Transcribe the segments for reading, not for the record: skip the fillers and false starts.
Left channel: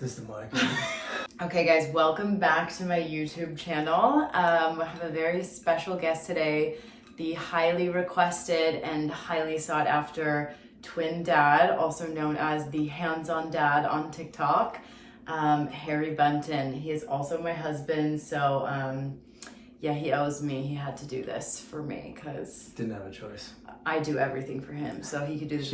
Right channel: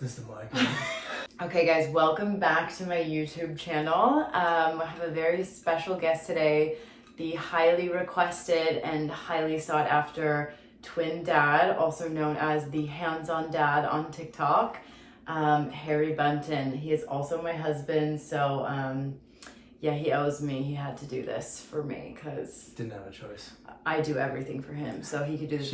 Just the mic. Okay guys, welcome back to my YouTube channel. I have a very special guest today, the highly requested and highly sought after twin dad, also known as the hands-on dad on TikTok, Harry Bunton. He is also my husband, so yeah, he owes me. He had to do this for me because Didn't have a choice. I do everything for him, so he could do this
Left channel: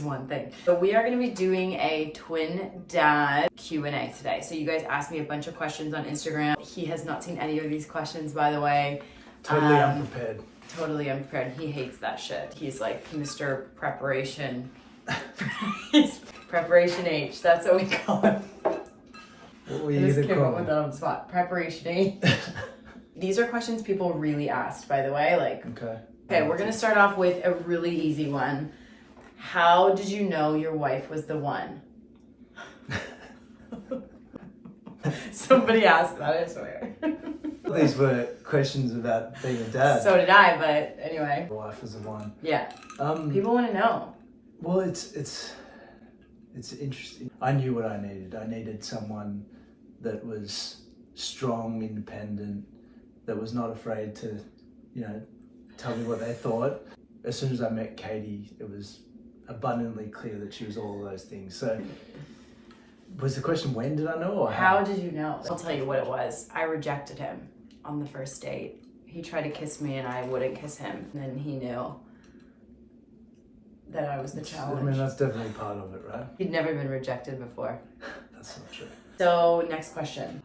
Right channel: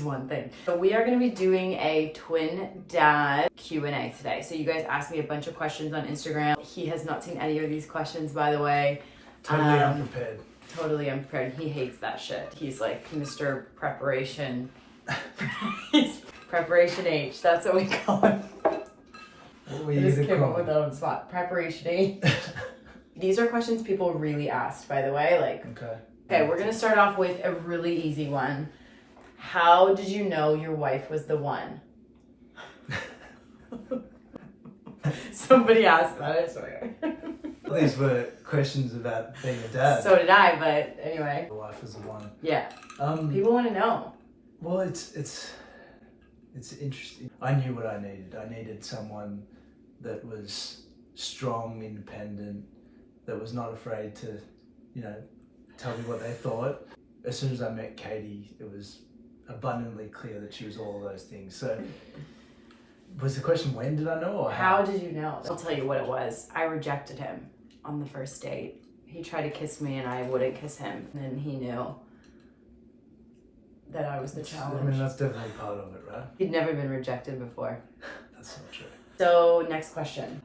one thing. But we are going to be doing a twin dad Q&A today. So you guys asked me a bunch of questions on Instagram. He has not seen any of these questions, by the way. Totally unprepared. Totally unprepared. He hates that shit. He's like Mr. Preparation. He's Preparation H. That's what we call him. What were I you just came up with calling? that on the spot. Preparation H. These are questions people really asked, by the way. Okay, we're gonna start off with a really easy one. How did you know your wife was the one? Somebody asked that, I swear. These were questions about being a dad. So did I, but anyway. The wife is the one. Yeah. People want to know. Well, it's interesting. I knew what I needed. I needed someone that was strong, independent, that was not afraid to, tell me what they thought. As soon as I met Katie, it was abundantly clear that she was all of those things. So, was the question when did I know, or how did you know? I'll tell you what it was. I rejected him on the first date. He tried to kiss me and I wouldn't kiss him. And then he knew that I was the challenge. I mean, that's definitely part of it, right? He'd never been rejected before. That's not true. So, next question.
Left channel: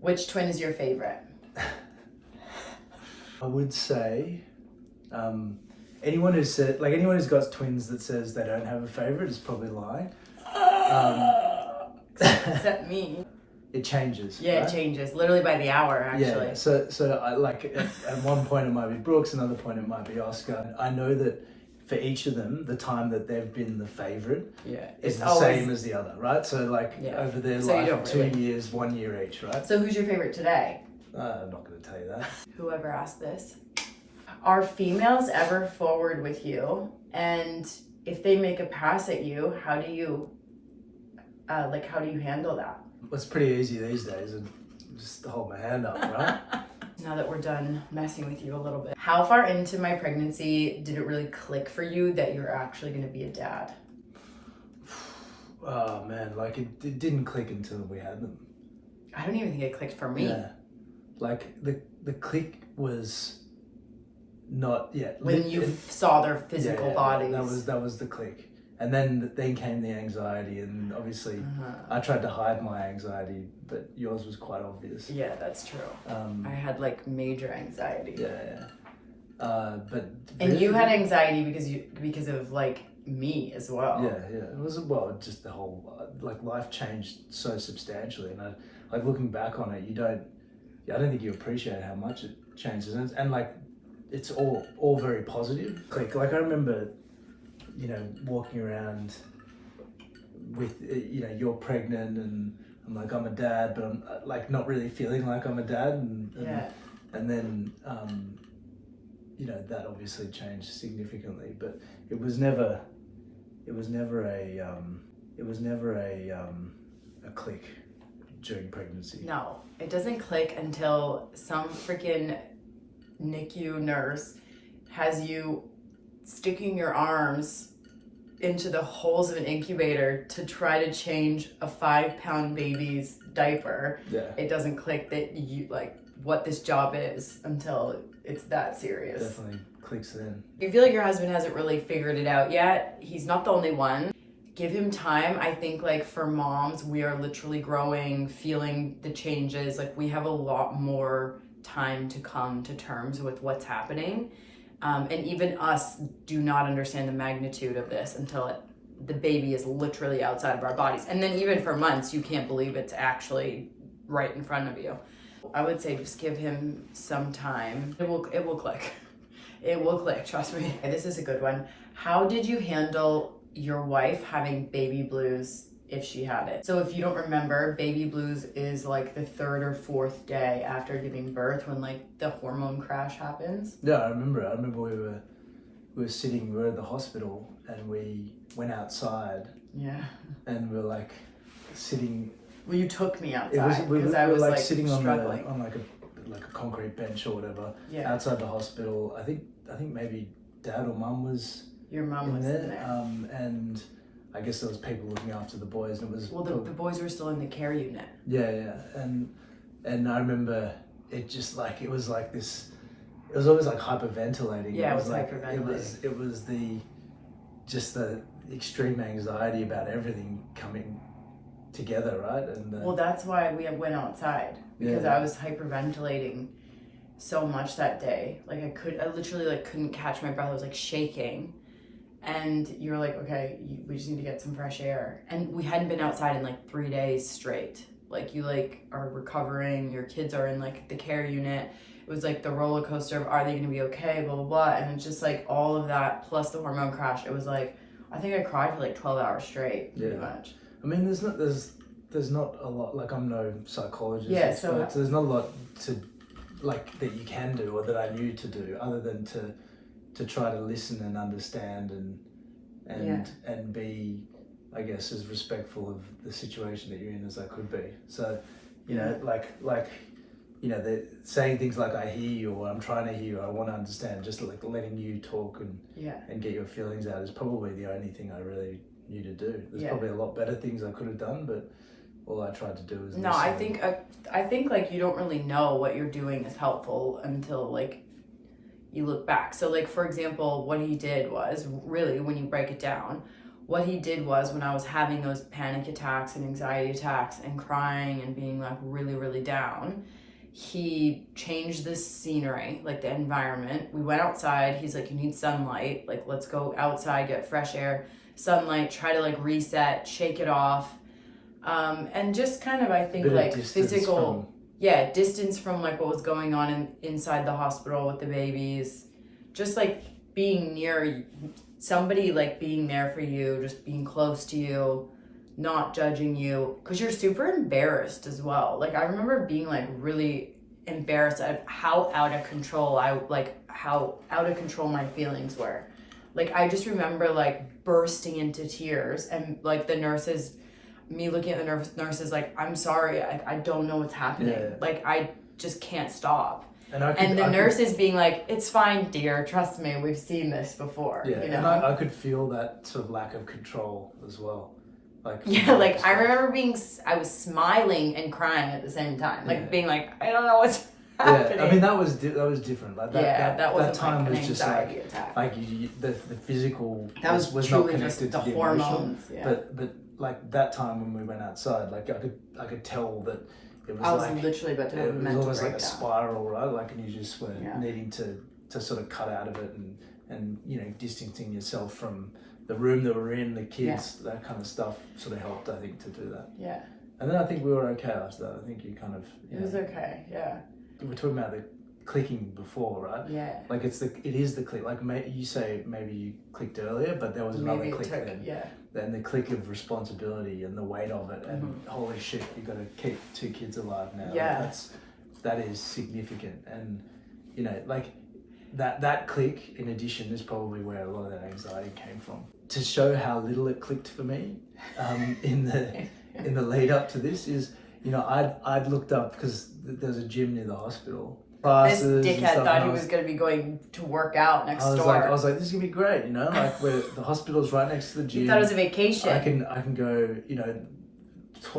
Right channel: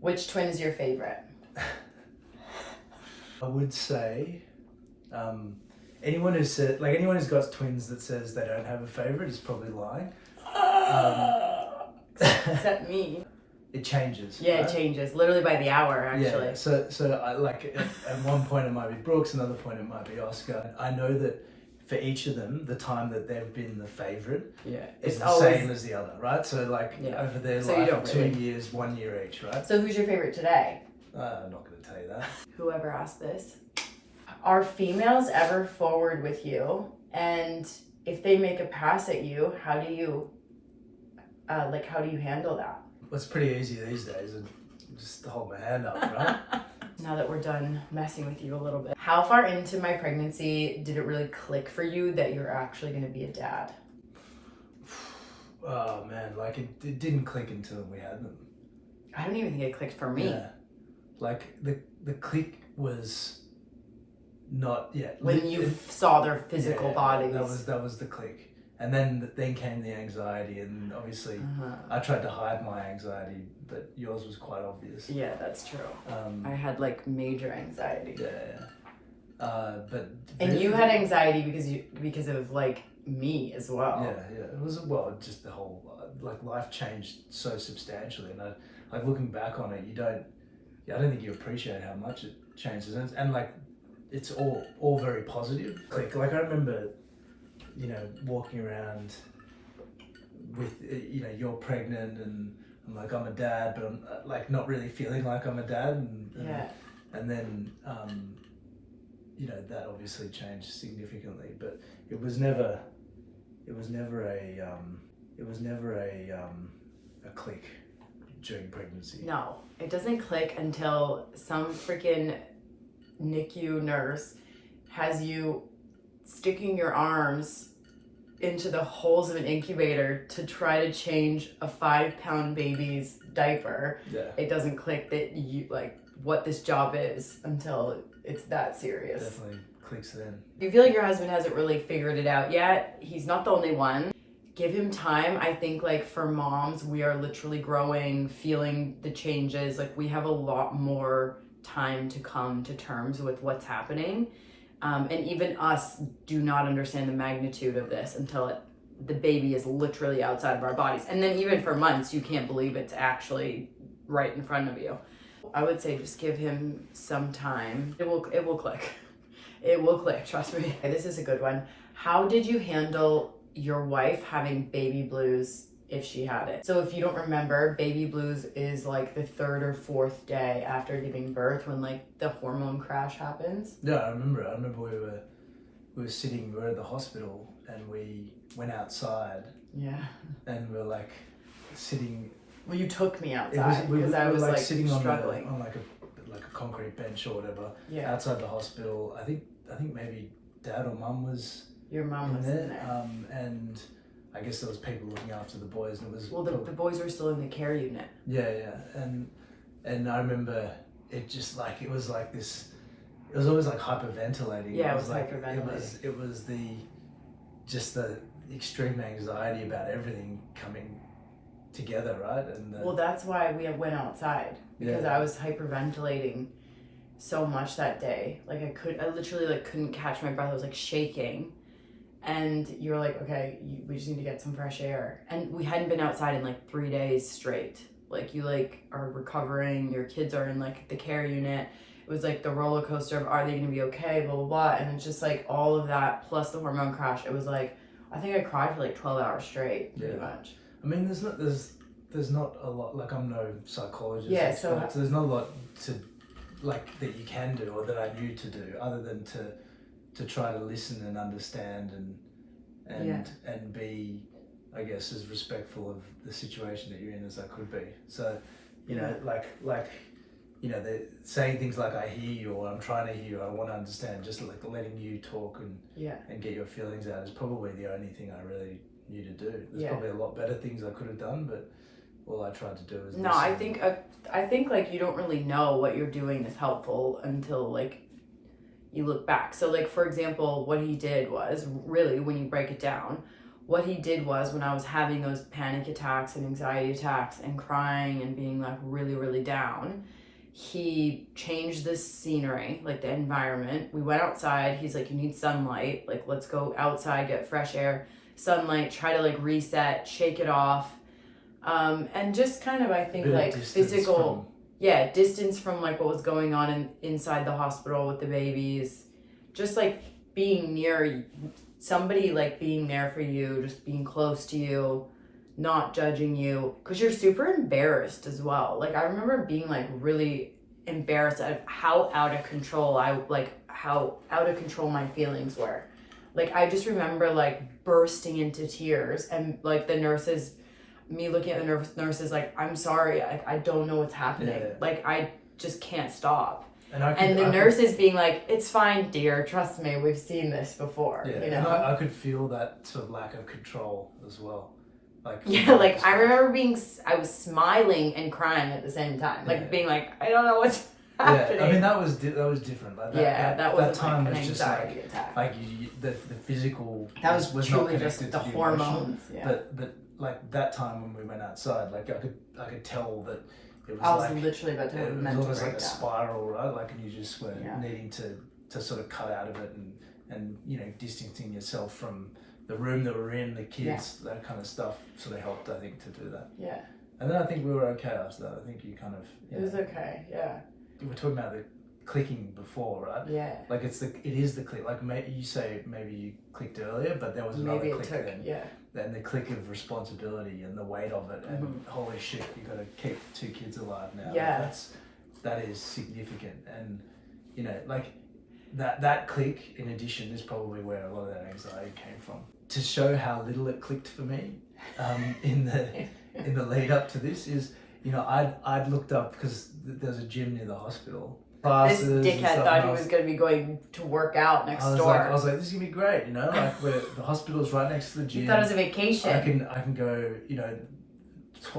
Which twin is your favorite? I would say anyone who's got twins that says they don't have a favorite is probably lying. Except me. It changes. Yeah, right? It changes literally by the hour, actually. Yeah. So I at one point it might be Brooks, another point it might be Oscar. I know that for each of them, the time that they've been the favorite is the same as the other, right? So over their life, 2 years, 1 year each, right? So who's your favorite today? I'm not going to tell you that. Whoever asked this. Are females ever forward with you? And if they make a pass at you, how do you handle that? Well, it's pretty easy these days, and just hold my hand up, right? Now that we're done messing with you a little bit, how far into my pregnancy did it really click for you that you're actually going to be a dad? Oh man, it didn't click until we had them. I don't even think it clicked for me. Yeah. The click was not yet. When you saw their physical bodies. That was the click. And then came the anxiety, and obviously I tried to hide my anxiety, but yours was quite obvious. Yeah, that's true. I had major anxiety. Yeah. And you had anxiety because of me as well. Yeah. It was just the whole life changed so substantially, and looking back on it, I don't think you appreciate how much it changes, and it's all very positive. I remember, walking around with, you're pregnant, and I'm a dad, but I'm not really feeling like I'm a dad, and then that obviously changed significantly, but it was never a click during pregnancy. No, it doesn't click until some freaking NICU nurse has you sticking your arms into the holes of an incubator to try to change a 5-pound baby's diaper. Yeah. It doesn't click that you what this job is until it's that serious. Definitely clicks then. If you feel like your husband hasn't really figured it out yet, he's not the only one. Give him time. I think for moms, we are literally growing, feeling the changes. We have a lot more time to come to terms with what's happening. And even us do not understand the magnitude of this until the baby is literally outside of our bodies. And then even for months, you can't believe it's actually right in front of you. I would say just give him some time. It will click. It will click, trust me. This is a good one. How did you handle your wife having baby blues if she had it? So if you don't remember, baby blues is the third or fourth day after giving birth when the hormone crash happens. Yeah, I remember we were at the hospital and we went outside. Yeah. And we were sitting. Well, you took me outside because I was like sitting struggling on like a concrete bench or whatever outside the hospital. I think maybe Dad or Mum was. Your mum was in there. And I guess there was people looking after the boys, and it was the boys were still in the care unit. Yeah, and I remember it just like it was like this. It was always like hyperventilating. Yeah, it was like, hyperventilating. It was the extreme anxiety about everything coming together, right? And well, that's why we went outside, because I was hyperventilating so much that day. Like I literally like couldn't catch my breath. I was like shaking, and you're like, okay, we just need to get some fresh air. And we hadn't been outside in like 3 days straight. Like you like are recovering. Your kids are in like the care unit. It was like the roller coaster of, are they going to be okay, blah, blah, blah. And it's just like all of that plus the hormone crash. It was like, I think I cried for like 12 hours straight, pretty much. I mean, there's not a lot, like I'm no psychologist. Yeah, so there's not a lot to, like, that you can do or that I knew to do other than to try to listen and understand and be, I guess, as respectful of the situation that you're in as I could be. So, you know, like, you know, they're saying things like I hear you or I'm trying to hear you, I want to understand, just like letting you talk and get your feelings out is probably the only thing I really knew to do. There's probably a lot better things I could have done, but all I tried to do was no, listen. I think like you don't really know what you're doing is helpful until like you look back. So like, for example, what he did was really, when you break it down, what he did was when I was having those panic attacks and anxiety attacks and crying and being like really, really down, he changed the scenery, like the environment. We went outside. He's like, you need sunlight. Like, let's go outside, get fresh air, sunlight, try to like reset, shake it off. And just kind of, I think like physical, distance from like what was going on inside the hospital with the babies, just like being near somebody, like being there for you, just being close to you, not judging you, because you're super embarrassed as well. Like I remember being like really embarrassed at how out of control my feelings were. Like I just remember like bursting into tears, and like the nurses, me looking at the nurses like, I'm sorry, I don't know what's happening. Like I just can't stop. And the nurses being like, it's fine, dear, trust me, we've seen this before. Yeah, you know? And I could feel that sort of lack of control as well. Like, like I remember I was smiling and crying at the same time, like being like, I don't know what's happening. Yeah, I mean that was different. Like that wasn't that time like an was just anxiety attack. Like the physical that was not truly connected just the to the hormones. emotion. But like that time when we went outside, like I could tell that it was. I was like, literally about to have a mental it was almost breakdown. like a spiral, right? Like, and you just were needing to sort of cut out of it and you know, distancing yourself from the room that we're in, the kids, that kind of stuff sort of helped, I think, to do that. Yeah. And then I think we were okay after that. I think you kind of... It was okay, yeah. We were talking about the clicking before, right? Yeah. Like it is the click. Like you say maybe you clicked earlier, but there was another click then. Yeah. Then the click of responsibility and the weight of it, and holy shit, you got to keep 2 kids alive now. Yeah. Like that is significant, and you know, like that click in addition is probably where a lot of that anxiety came from. To show how little it clicked for me, in the lead up to this is, you know, I'd looked up because there's a gym near the hospital. This dickhead thought he was going to be going to work out next door. I was like, this is going to be great, you know, like where the hospital's right next to the gym. He thought it was a vacation. I can go, you know,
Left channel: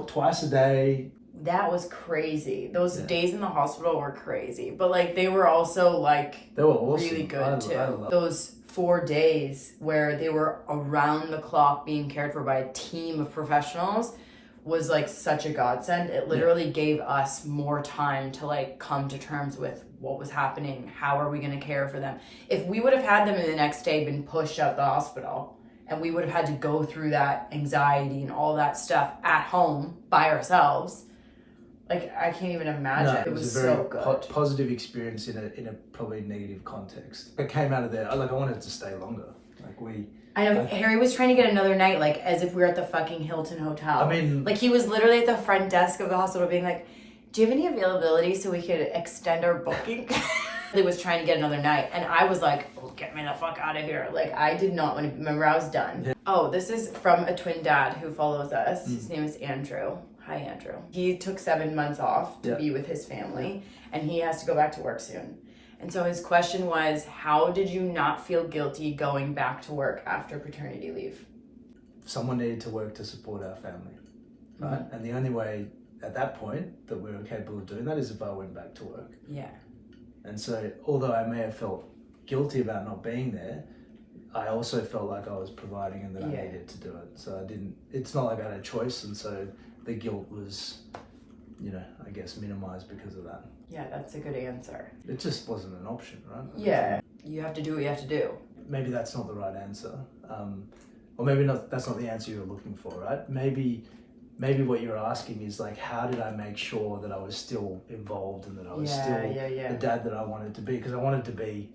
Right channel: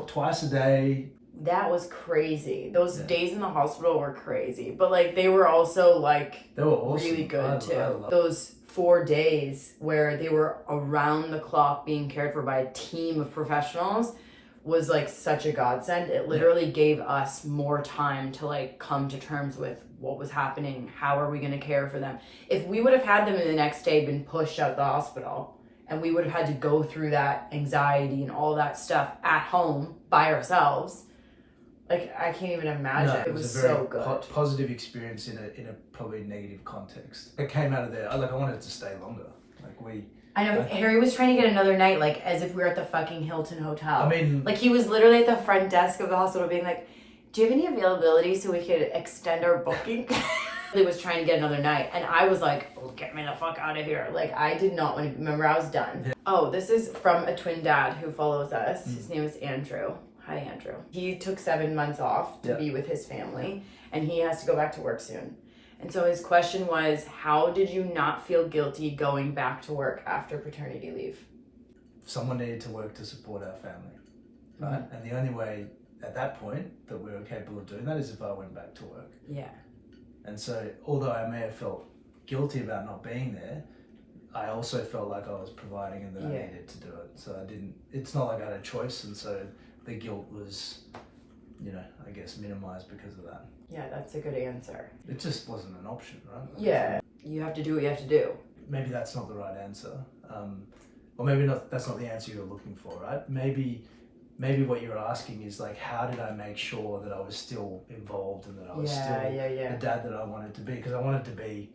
twice a day. That was crazy. Those days in the hospital were crazy, but like they were also like they were awesome. Really good too. Those 4 days where they were around the clock being cared for by a team of professionals was like such a godsend. It literally gave us more time to like come to terms with what was happening. How are we going to care for them? If we would have had them in the next day been pushed out the hospital, and we would have had to go through that anxiety and all that stuff at home by ourselves, like I can't even imagine. No, it was a very so good. Positive experience in a probably negative context. It came out of there. Like I wanted to stay longer. I know Harry was trying to get another night, like as if we were at the fucking Hilton Hotel. I mean, like he was literally at the front desk of the hospital being like, do you have any availability so we could extend our booking? He was trying to get another night, and I was like, oh, get me the fuck out of here. Like, I did not want to, remember, I was done. Yeah. Oh, this is from a twin dad who follows us. His name is Andrew. Hi, Andrew. He took 7 months off to be with his family, and he has to go back to work soon. And so his question was, how did you not feel guilty going back to work after paternity leave? Someone needed to work to support our family, right? And the only way at that point that we were capable of doing that is if I went back to work. Yeah. And so, although I may have felt guilty about not being there, I also felt like I was providing and that I needed to do it. So it's not like I had a choice, and so the guilt was, I guess minimized because of that. Yeah, that's a good answer. It just wasn't an option, right? Yeah. You have to do what you have to do. Maybe that's not the right answer. Or maybe not. That's not the answer you're looking for, right? Maybe what you're asking is like, how did I make sure that I was still involved and that I was still the dad that I wanted to be? Because I wanted to be,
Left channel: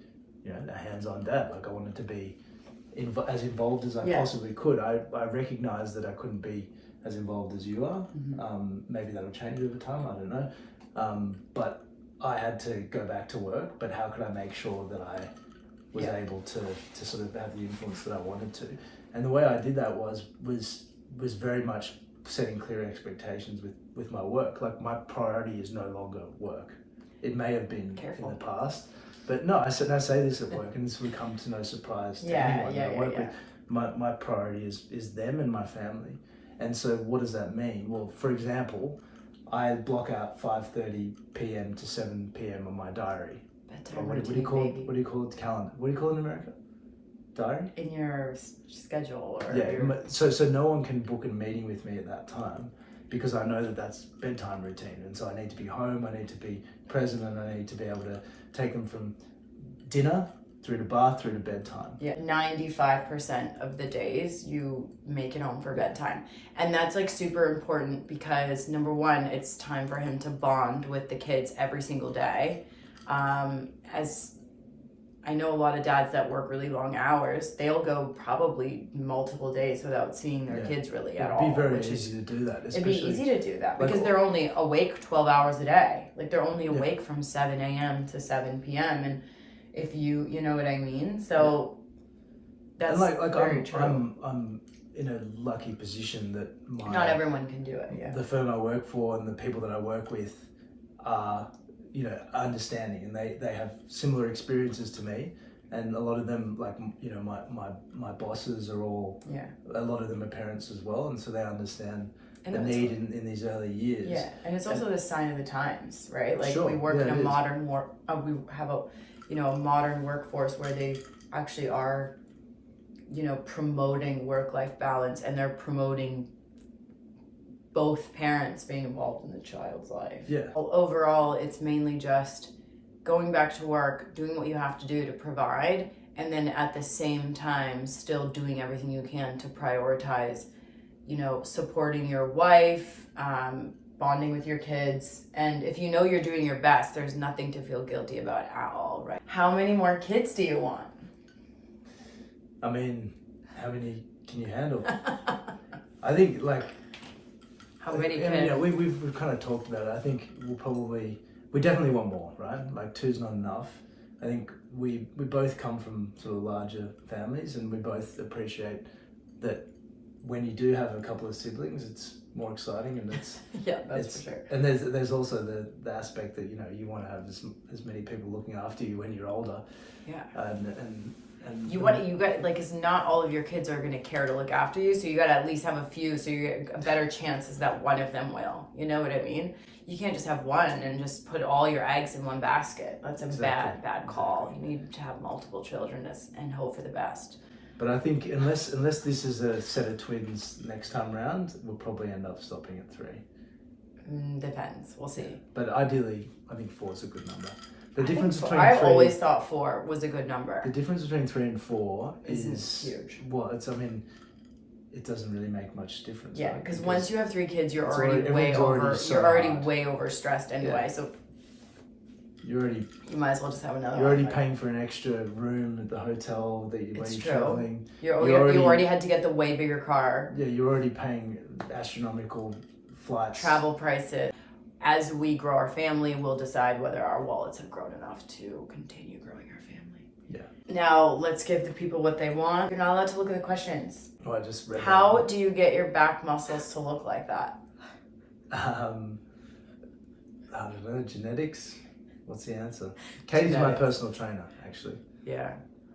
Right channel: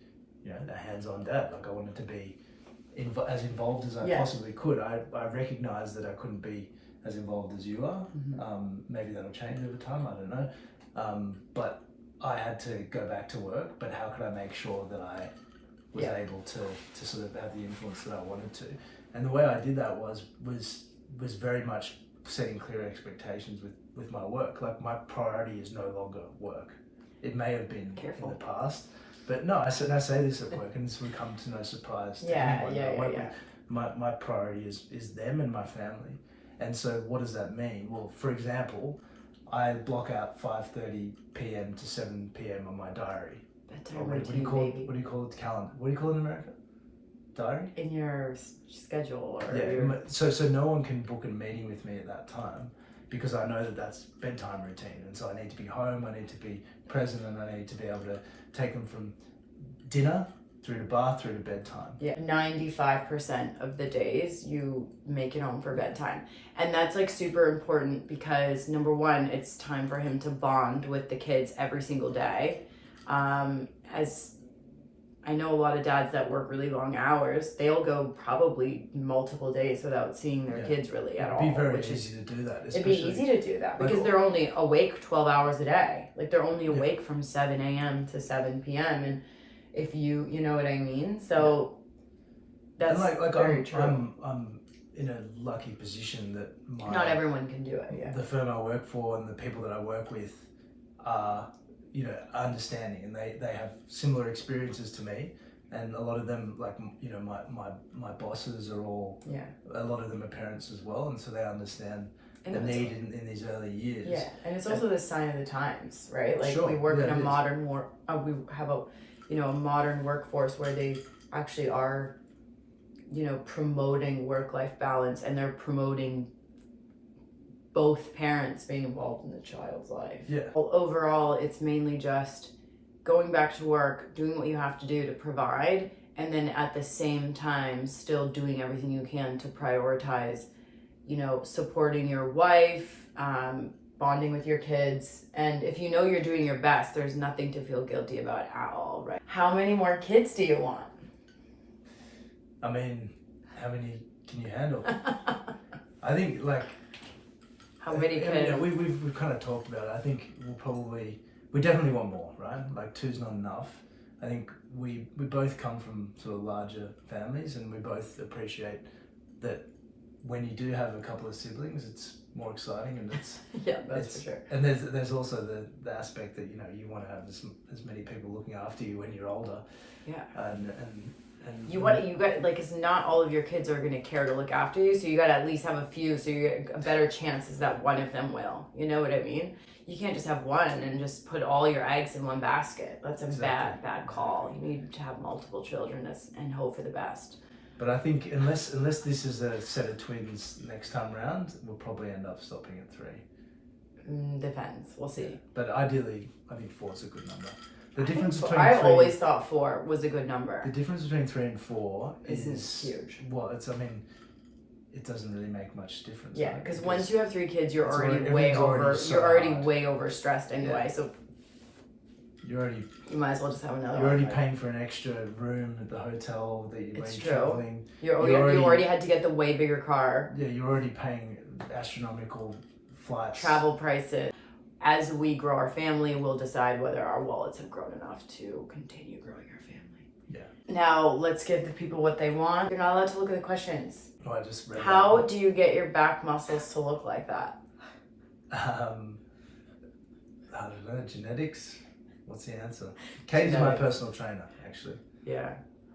a hands-on dad. Like I wanted to be as involved as I possibly could. I recognized that I couldn't be as involved as you are. Maybe that'll change over time. I don't know. But I had to go back to work. But how could I make sure that I was able to sort of have the influence that I wanted to? And the way I did that was very much setting clear expectations with my work. Like my priority is no longer work. It may have been in the past, but no, I say this at work, and this would come to no surprise to anyone that I work with. My priority is them and my family. And so what does that mean? Well, for example, I block out 5:30 p.m. to 7 p.m. on my diary. Bedtime What do you call it? Calendar. What do you call it in America? Diary? In your schedule or So no one can book a meeting with me at that time because I know that that's bedtime routine, and so I need to be home, I need to be present, and I need to be able to take them from dinner through to bath through to bedtime. 95% of the days you make it home for bedtime, and that's like super important because number one, it's time for him to bond with the kids every single day. As I know a lot of dads that work really long hours, they'll go probably multiple days without seeing their kids really at all. It'd be very easy to do that. It'd be easy to do that because they're only awake 12 hours a day. Like they're only awake from 7 a.m. to 7 p.m. And if you know what I mean? So that's very true. I'm in a lucky position that not everyone can do it. Yeah. The firm I work for and the people that I work with are understanding, and they have similar experiences to me, and a lot of them, like my bosses are all a lot of them are parents as well, and so they understand the need in these early years. Yeah, and it's also the sign of the times, right? Like we work in a modern we have a a modern workforce where they actually are promoting work-life balance, and they're promoting both parents being involved in the child's life. Yeah. Well, overall, it's mainly just going back to work, doing what you have to do to provide, and then at the same time, still doing everything you can to prioritize, supporting your wife, bonding with your kids. And if you're doing your best, there's nothing to feel guilty about at all, right? How many more kids do you want? I mean, how many can you handle? I think how many we've kind of talked about it. I think we definitely want more, right? Like 2's not enough. I think we both come from sort of larger families, and we both appreciate that when you do have a couple of siblings, it's more exciting, and it's that's for sure. And there's also the aspect that you want to have as many people looking after you when you're older. Yeah. And you got it's not all of your kids are going to care to look after you, so you got to at least have a few, so you get a better chances that one of them will. You know what I mean? You can't just have one and just put all your eggs in one basket. That's a bad call. You need to have multiple children and hope for the best. But I think unless this is a set of twins next time round, we'll probably end up stopping at 3. Depends. We'll see. But ideally, I think 4 is a good number. The difference between I've always thought 4 was a good number. The difference between 3 and 4 is huge. Well, it doesn't really make much difference. Yeah, because once you have 3 kids, you're already way over stressed anyway. So you might as well just have another. You're already paying for an extra room at the hotel that you're traveling. You already had to get the way bigger car. Yeah, you're already paying astronomical flights. Travel prices. as we grow our family, we'll decide whether our wallets have grown enough to continue growing our family. Yeah. Now, let's give the people what they want. You're not allowed to look at the questions. Oh, I just read How that. do you get your back muscles to look like that? I don't know, genetics? What's the answer? Katie's my Genetics. personal trainer, actually. Yeah.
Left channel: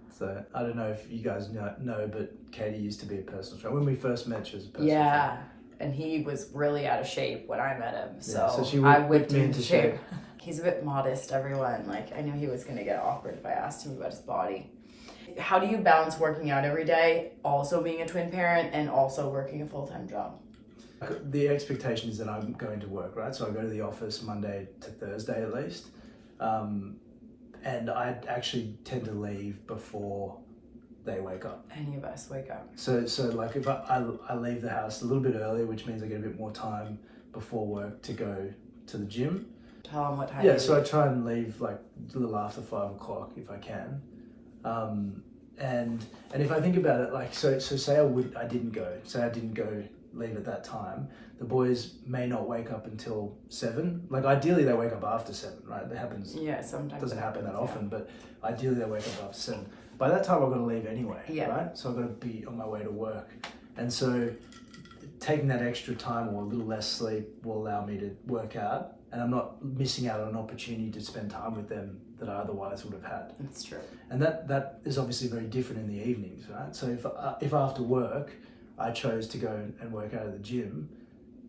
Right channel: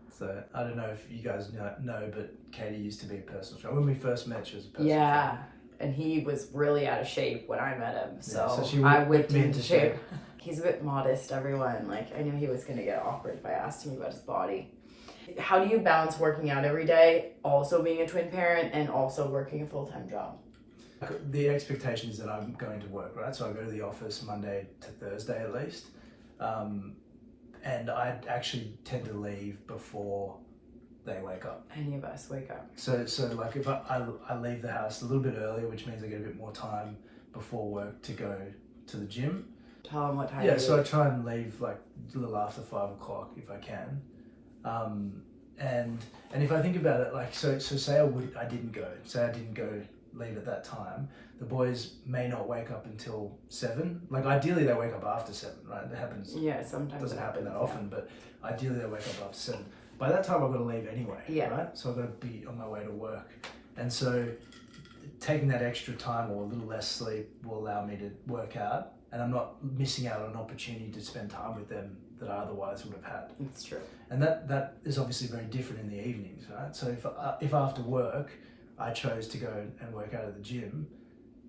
So I don't know if you guys know, but Katie used to be a personal trainer. When we first met, she was a personal Yeah. trainer. And he was really out of shape when I met him. So, so she I whipped whipped me him into into shape. He's a bit modest, everyone. Like, I knew he was going to get awkward if I asked him about his body. How do you balance working out every day, also being a twin parent, and also working a full-time job? The expectation is that I'm going to work, right? So I go to the office Monday to Thursday at least. And I actually tend to leave before they wake up. Any of us wake up. So like if I leave the house a little bit earlier, which means I get a bit more time before work to go to the gym. Tell them what time Yeah, you so I leave. try and leave like a little after 5 o'clock if I can. And if I think about it, like so say I didn't go leave at that time, the boys may not wake up until 7. Like ideally they wake up after 7, right? That happens. Yeah, sometimes Doesn't it happen that happens, often, but ideally they wake up after 7. By that time I've got to leave anyway, Yeah. right? So I've got to be on my way to work. And so taking that extra time or a little less sleep will allow me to work out, and I'm not missing out on an opportunity to spend time with them that I otherwise would have had. It's true. And that is obviously very different in the evenings, right? So if after work I chose to go and work out at the gym,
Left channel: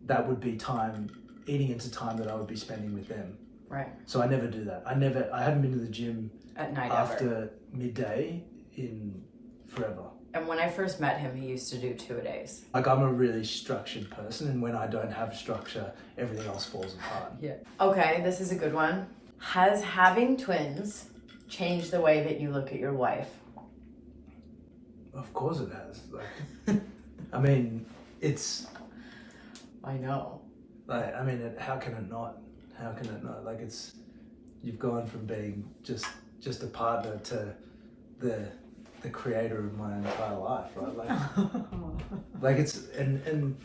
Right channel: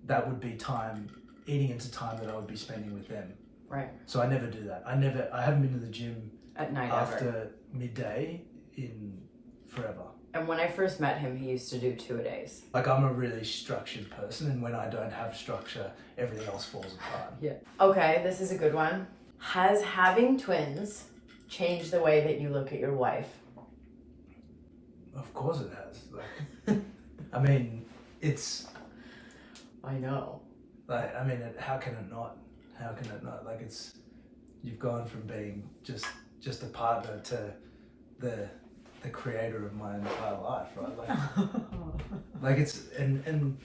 that would be time eating into time that I would be spending with them. Right. So I never do that. I haven't been to the gym At night after ever. midday in forever. And when I first met him, he used to do 2-a-days. Like I'm a really structured person, and when I don't have structure, everything else falls apart. Yeah. Okay, this is a good one. Has having twins changed the way that you look at your wife? Of course it has. Like, I mean, it's I know. like, I mean, how can it not? How can it not? Like you've gone from being just a partner to the creator of my entire life, right? Like it's and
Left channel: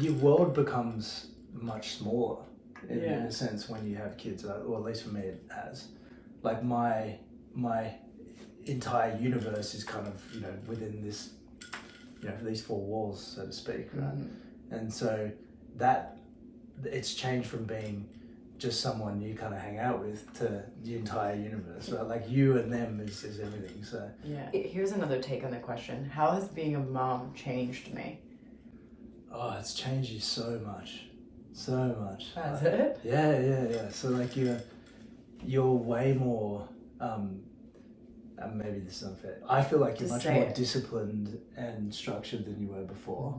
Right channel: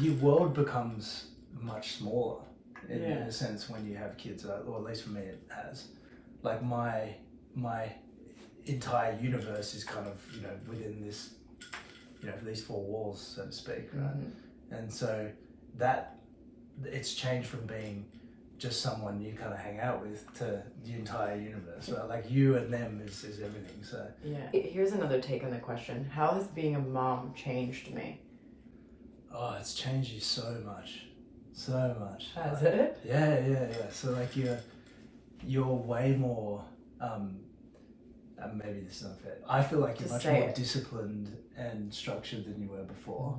your world becomes much smaller in a sense when you have kids, or at least for me it has. Like my entire universe is kind of within this these 4 walls, so to speak, right? Mm-hmm. And so that it's changed from being just someone you kind of hang out with to the entire universe, right? Like you and them is everything. So Yeah. Here's another take on the question. How has being a mom changed me? oh, it's changed you so much. Has Like, it? yeah. So like you're way more maybe this is unfair. I feel like you're Just much say more it. disciplined and structured than you were before.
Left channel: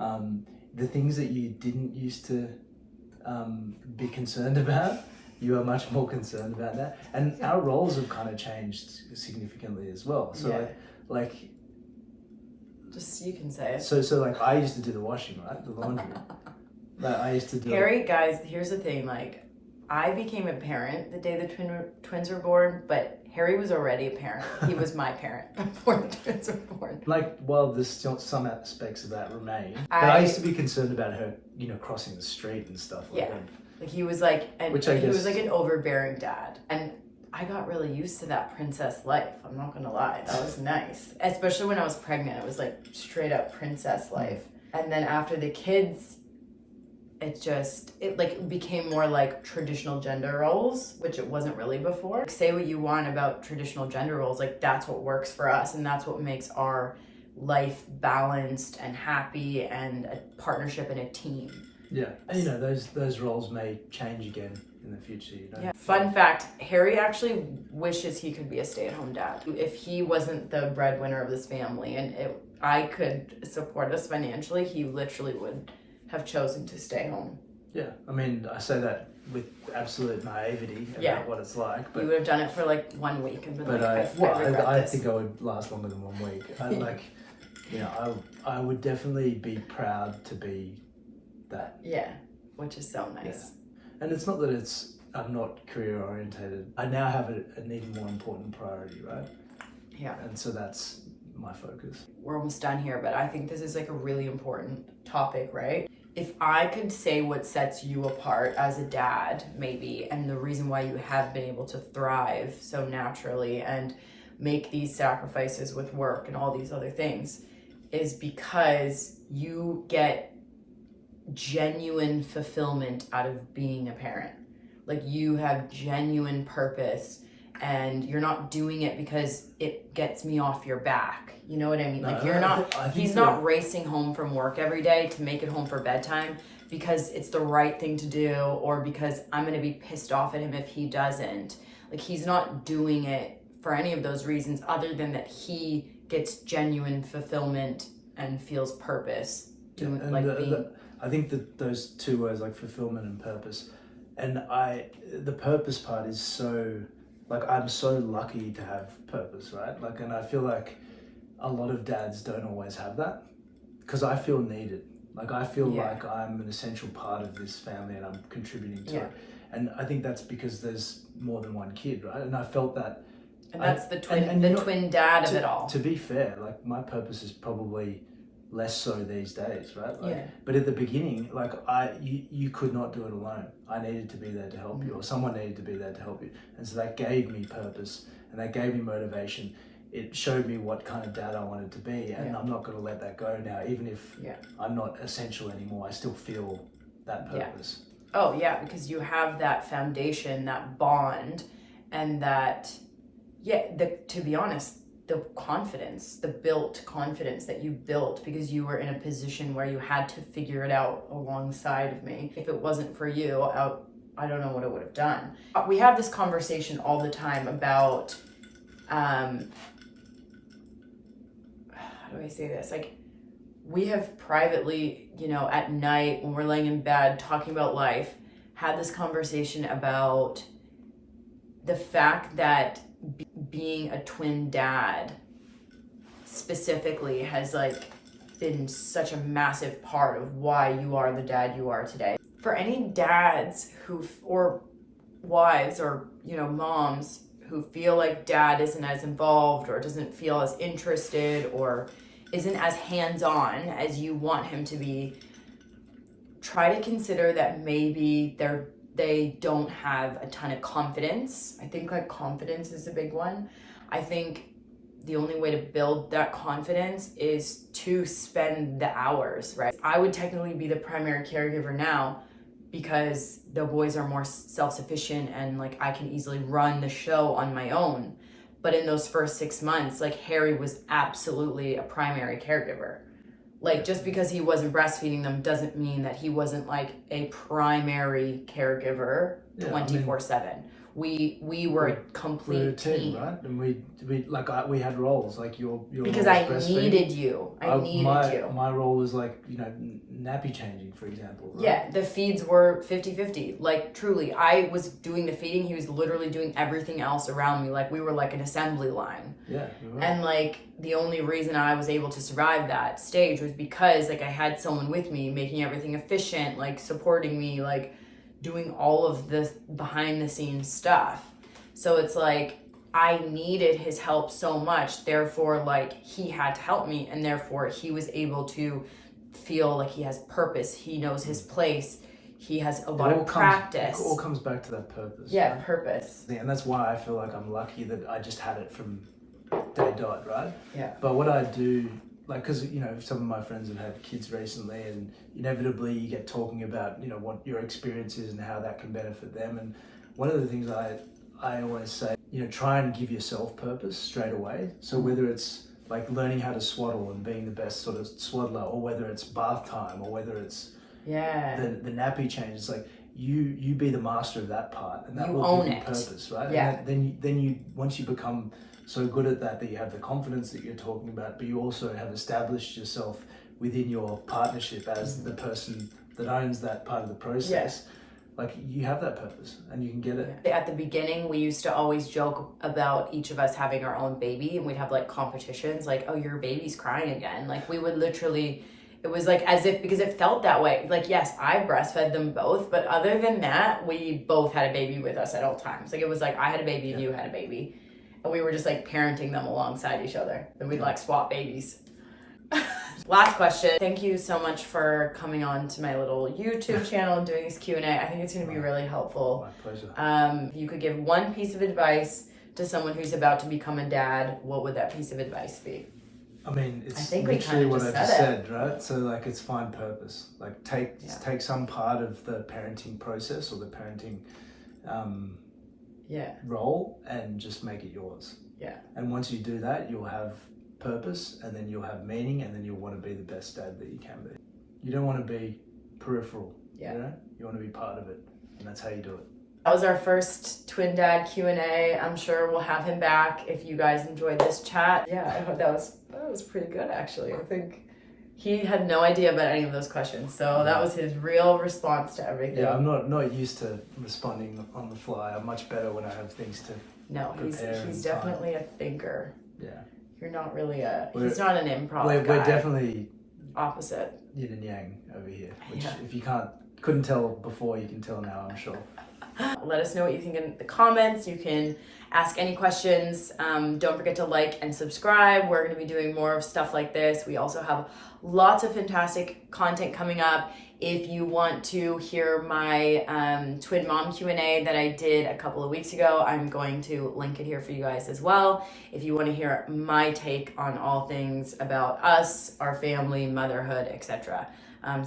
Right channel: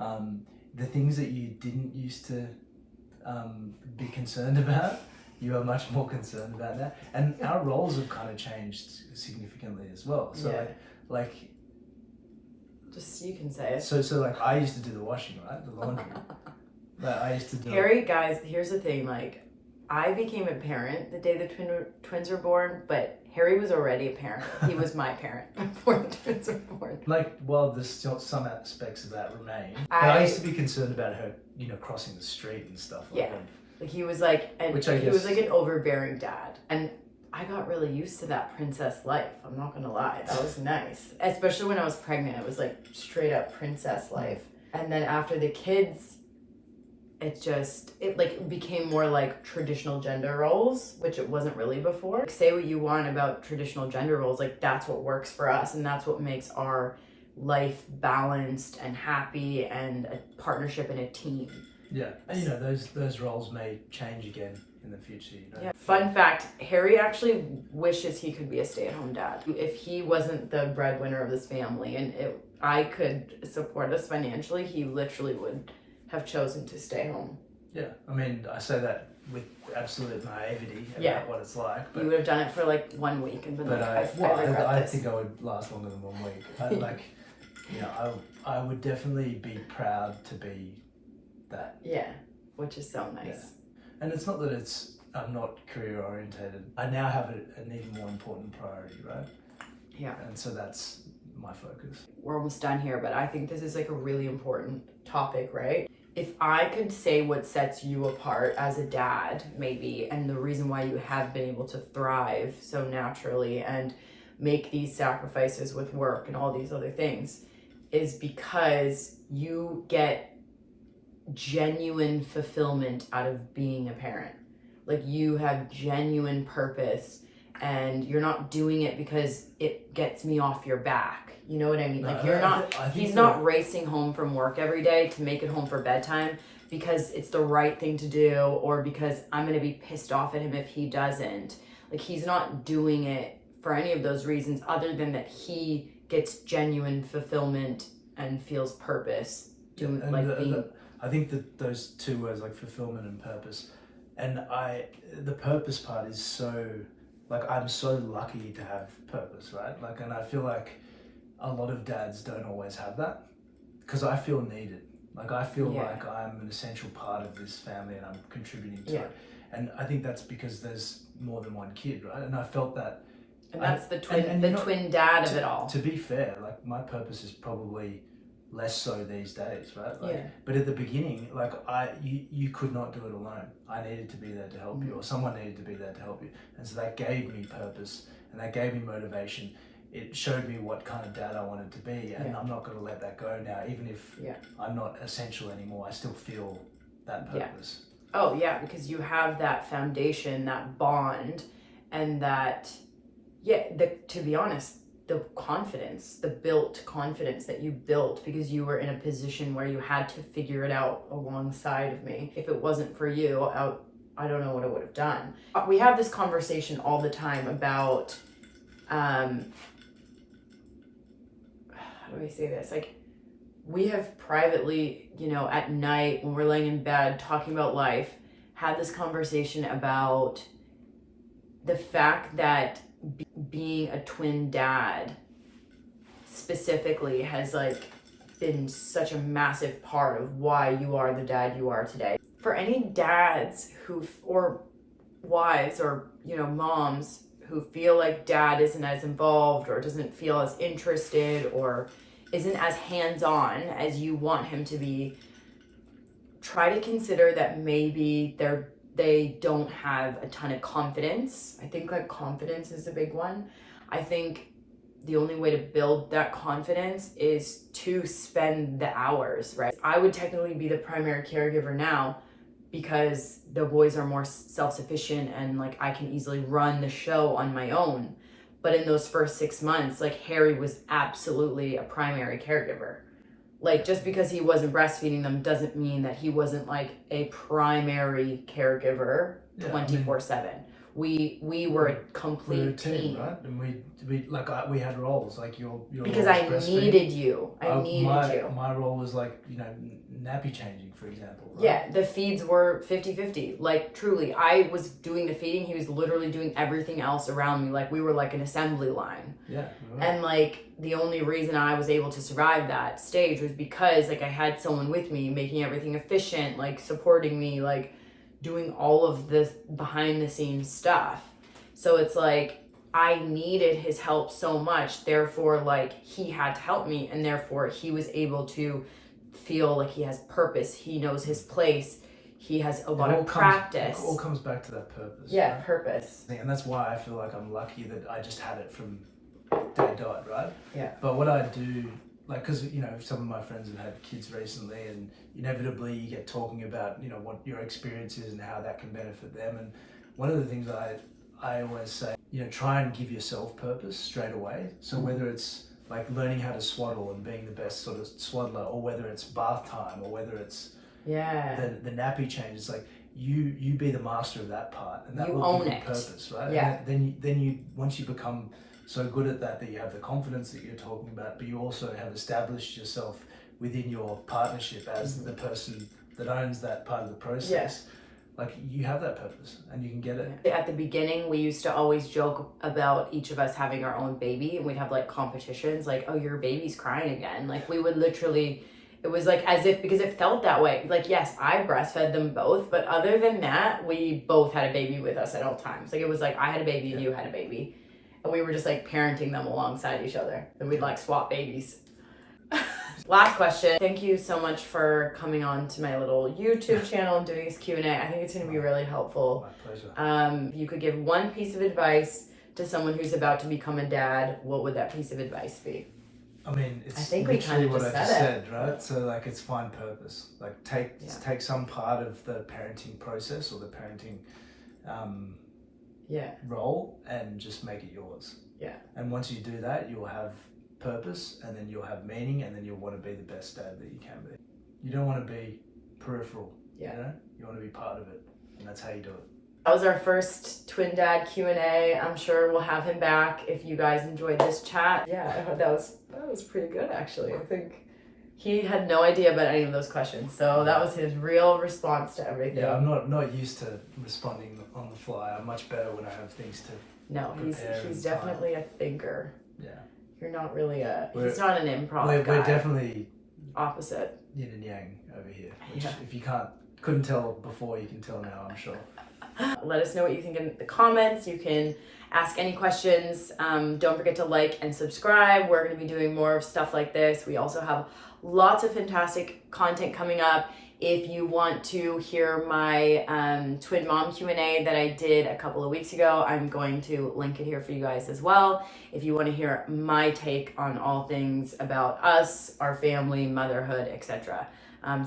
Mhm. The things that you didn't used to be concerned about, you are much more concerned about that. And our roles have kind of changed significantly as well. So Yeah. like Just you can say it. so like I used to do the washing, right? The laundry. Like I used to do Harry, guys, here's the thing. Like, I became a parent the day the twins were born, but Harry was already a parent. He was my parent before the twins were born. like, well, there's still some aspects of that remain. But I used to be concerned about her, crossing the street and stuff like Yeah. that. Like, he was like, and Which I he was guess- like an overbearing dad. And I got really used to that princess life. I'm not gonna lie. That was nice. Especially when I was pregnant. It was like straight up princess life. And then after the kids, it like became more like traditional gender roles, which it wasn't really before. Like, say what you want about traditional gender roles, like that's what works for us, and that's what makes our life balanced and happy and a partnership and a team. Yeah, and those roles may change again in the future. Yeah. Fun fact, Harry actually wishes he could be a stay-at-home dad. If he wasn't the breadwinner of this family and I could support us financially, he literally would have chosen to stay home. Yeah, I mean, I say that with absolute naivety about Yeah. what it's like. But You would have done it for like 1 week and been but like, I regret I this. think I would last longer than 1 week. I would definitely be proud to be that. Yeah, which is so nice. And it's not that I'm not career orientated. I now have an even more important priority, right? Yeah. And so that's my focus. We're almost done here, but I think this is like a really important topic, right? if I could say what sets you apart as a dad, maybe, and the reason why you have been able to thrive so naturally and make these sacrifices with work and all these other things, is because you get genuine fulfillment out of being a parent. Like, you have genuine purpose, and you're not doing it because it gets me off your back. You know what I mean? Like, you're not, he's not racing home from work every day to make it home for bedtime because it's the right thing to do, or because I'm going to be pissed off at him if he doesn't. Like, he's not doing it for any of those reasons other than that he gets genuine fulfillment and feels purpose doing, I think that those two words, like fulfillment and purpose, and the purpose part is so, like, I'm so lucky to have purpose, right? Like, and I feel like a lot of dads don't always have that, because I feel needed. Like, I feel like I'm an essential part of this family and I'm contributing to it. And I think that's because there's more than one kid, right? And I felt that. And that's the twin dad of it all. To be fair, like, my purpose is probably less so these days, right? Like, but at the beginning, like, you could not do it alone. I needed to be there to help you, or someone needed to be there to help you. And so that gave me purpose, and that gave me motivation. It showed me what kind of dad I wanted to be, and I'm not going to let that go now. Even if I'm not essential anymore, I still feel that purpose. Oh yeah, because you have that foundation, that bond, and that, to be honest, the confidence, the built confidence that you built because you were in a position where you had to figure it out alongside of me. If it wasn't for you, I don't know what I would have done. We have this conversation all the time about, how do I say this? Like, we have privately, you know, at night when we're laying in bed talking about life, had this conversation about the fact that being a twin dad specifically has, like, been such a massive part of why you are the dad you are today. For any dads or wives, or, you know, moms who feel like dad isn't as involved or doesn't feel as interested or isn't as hands-on as you want him to be, try to consider that maybe they don't have a ton of confidence. I think, like, confidence is a big one. I think the only way to build that confidence is to spend the hours, right? I would technically be the primary caregiver now because the boys are more self-sufficient and, like, I can easily run the show on my own. But in those first 6 months, like, Harry was absolutely a primary caregiver. Like, just because he wasn't breastfeeding them doesn't mean that he wasn't, like, a primary caregiver 24/7. We were a complete team, right? And we had roles, like your because I needed you. I needed you. My role was, like, you know, nappy changing, for example. Right? Yeah, the feeds were 50-50. Like, truly, I was doing the feeding. He was literally doing everything else around me. Like, we were like an assembly line. Yeah. Right. And, like, the only reason I was able to survive that stage was because, like, I had someone with me making everything efficient, like, supporting me, like, doing all of this behind the scenes stuff. So it's like, I needed his help so much, therefore, like, he had to help me, and therefore he was able to feel like he has purpose, he knows his place, he has a lot of practice. It all comes back to that purpose. Yeah, right? Purpose. And that's why I feel like I'm lucky that I just had it from day dot, right? Yeah. But what I do, like, because, you know, some of my friends have had kids recently, and inevitably you get talking about, you know, what your experience is and how that can benefit them. And one of the things I always say, you know, try and give yourself purpose straight away. So whether it's, like, learning how to swaddle and being the best sort of swaddler, or whether it's bath time, or whether it's the nappy change, it's like, you be the master of that part, and that you will own give you it. purpose, right? Yeah. And then you once you become so good at that you have the confidence that you're talking about, but you also have established yourself within your partnership as the person that owns that part of the process. Like, you have that purpose and you can get it. At the beginning, we used to always joke about each of us having our own baby, and we'd have, like, competitions, like, oh, your baby's crying again. Like, we would literally, it was like as if, because it felt that way. Like, yes, I breastfed them both, but other than that, we both had a baby with us at all times. Like, it was like I had a baby and you had a baby, and we were just, like, parenting them alongside each other, and we'd like swap babies. Last question. Thank you so much for coming on to my little YouTube channel and doing this Q&A. I think it's going to be really helpful. My pleasure. If you could give one piece of advice to someone who's about to become a dad, what would that piece of advice be? I mean, it's I think we literally kinda what just I just said said, right? So like, it's find purpose. Like take some part of the parenting process or the parenting role and just make it yours. Yeah. And once you do that, you'll have purpose, and then you'll have meaning, and then you'll want to be the best dad that you can be. You don't want to be peripheral. Yeah. You know, you want to be part of it, and that's how you do it. That was our first twin dad Q&A. I'm sure we'll have him back if you guys enjoyed this chat. Yeah, that was pretty good actually. I think he had no idea about any of those questions, so that was his real response to everything. Yeah, I'm not used to responding on the fly. I'm much better when I have things to prepare. He's definitely a thinker. Yeah. You're not really he's not an improv guy. We're definitely opposite. Yin and yang over here. Which if you couldn't tell before, you can tell now, I'm sure. Let us know what you think in the comments. You can ask any questions. Don't forget to like and subscribe. We're going to be doing more of stuff like this. We also have lots of fantastic content coming up. If you want to hear my twin mom Q&A that I did a couple of weeks ago, I'm going to link it here for you guys as well. If you want to hear my take on all things about us, our family, motherhood, etc.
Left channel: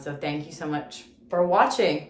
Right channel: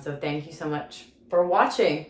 So thank you so much for watching.